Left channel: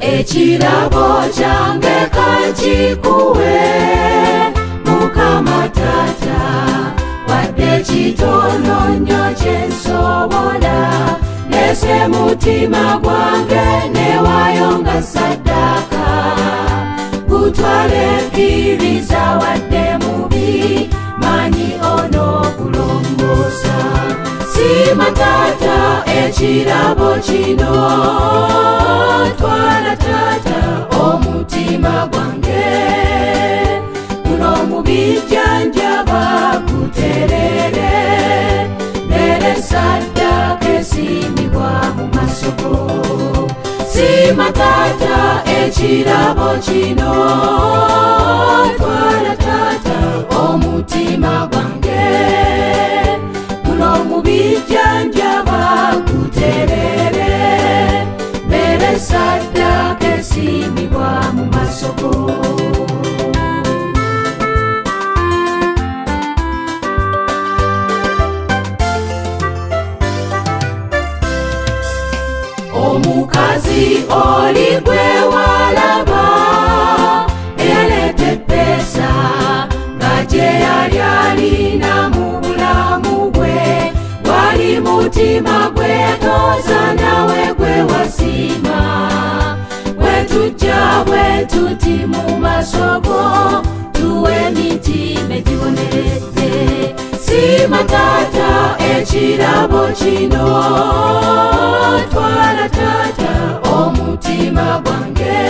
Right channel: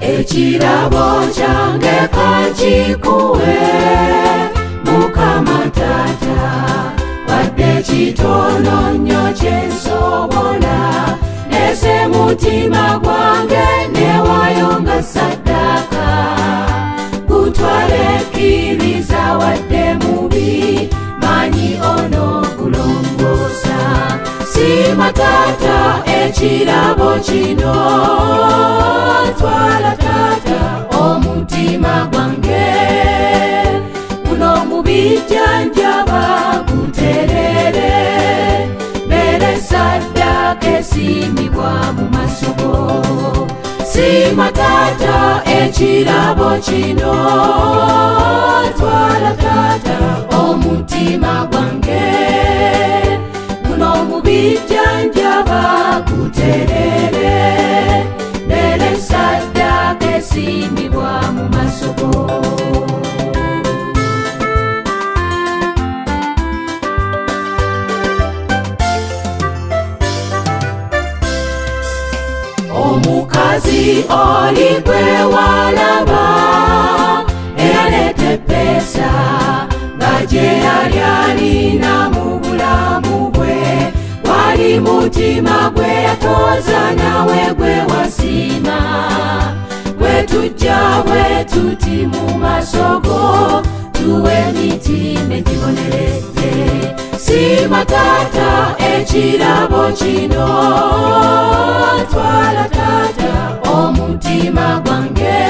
Ekirabo kyange kankikuwe Mukama Taata, wadde kitono nnyo kyensobola, nese mutima gwange newayo nga ssaddaaka. Gutwale kkiriza wadde mubi, manyi onoogulongoosa. Siima Taata ekirabo kino, twala Taata omutima gwange, guno mubijjanjaba guterere, mbere ssaddaaka esiimibwa mu maaso go. Siima Taata ekirabo kino, twala Taata omutima gwange, guno mubijjanjaba guterere, mbere ssaddaaka esiimibwa mu maaso go. Omukazi oli gwe walaba, eyaleeta eppeesa nga gye yali alina mu bulamu bwe, wali mutima gwe yatooza nawe gwe wasiima. Bwe tujja bwe tuti mu maaso go, tuwe emitima egiboneredde. Siima Taata ekirabo kino, twala Taata omutima gwange,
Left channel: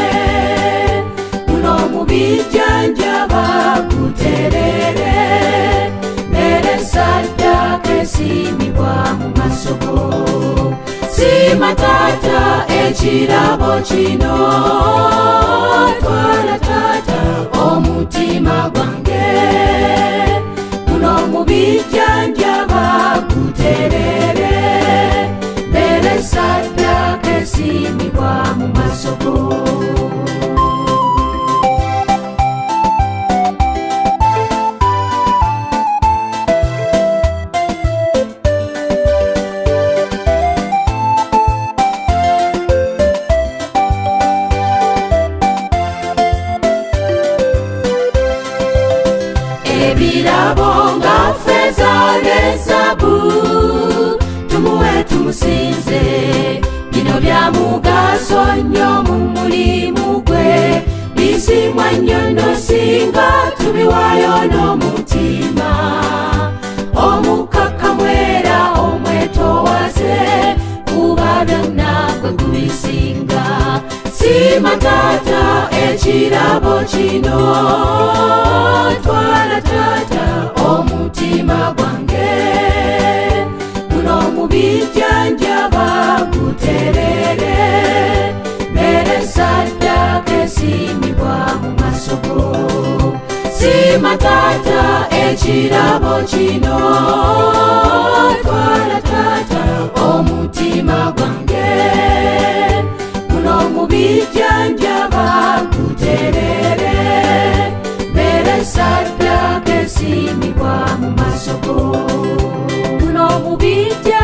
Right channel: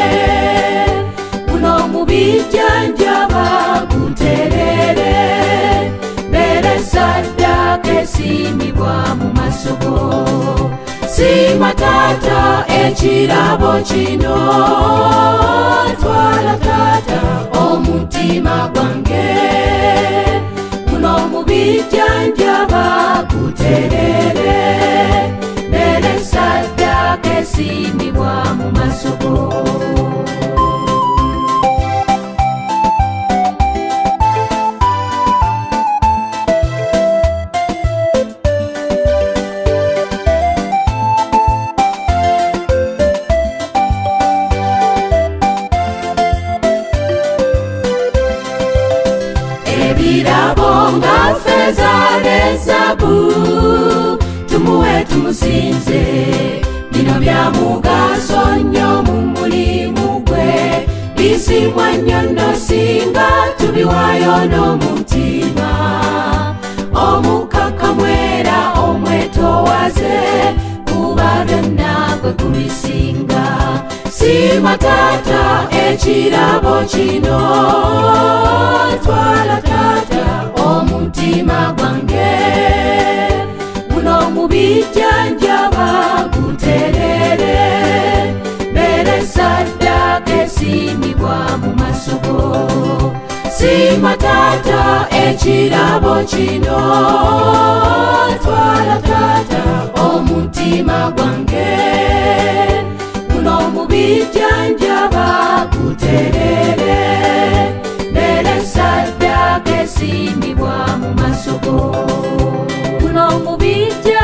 guno mubijjanjaba guterere, mbere ssaddaaka esiimibwa mu maaso go. Siima Taata ekirabo kino, twala Taata omutima gwange, guno mubijjanjaba guterere, mbere ssaddaaka esiimibwa mu maaso go. Ebirabo nga ffeeza ne zaabu, tumuwe tumusinze, bino bya mugaso nnyo mu mulimu gwe, bisimwa nnyo nno singa tubiwaayo n'omutima omukakkamu era omwetoowaze, kuba byonna gwe kubisinga. Siima Taata ekirabo kino, twala Taata omutima gwange, guno mubijjanjaba guterere, mbere ssaddaaka esiimibwa mu maaso go. Siima Taata ekirabo kino, twala Taata omutima gwange, guno mubijjanjaba guterere, mbere ssaddaaka esiimibwa mu maaso go. Guno mubijjanjaba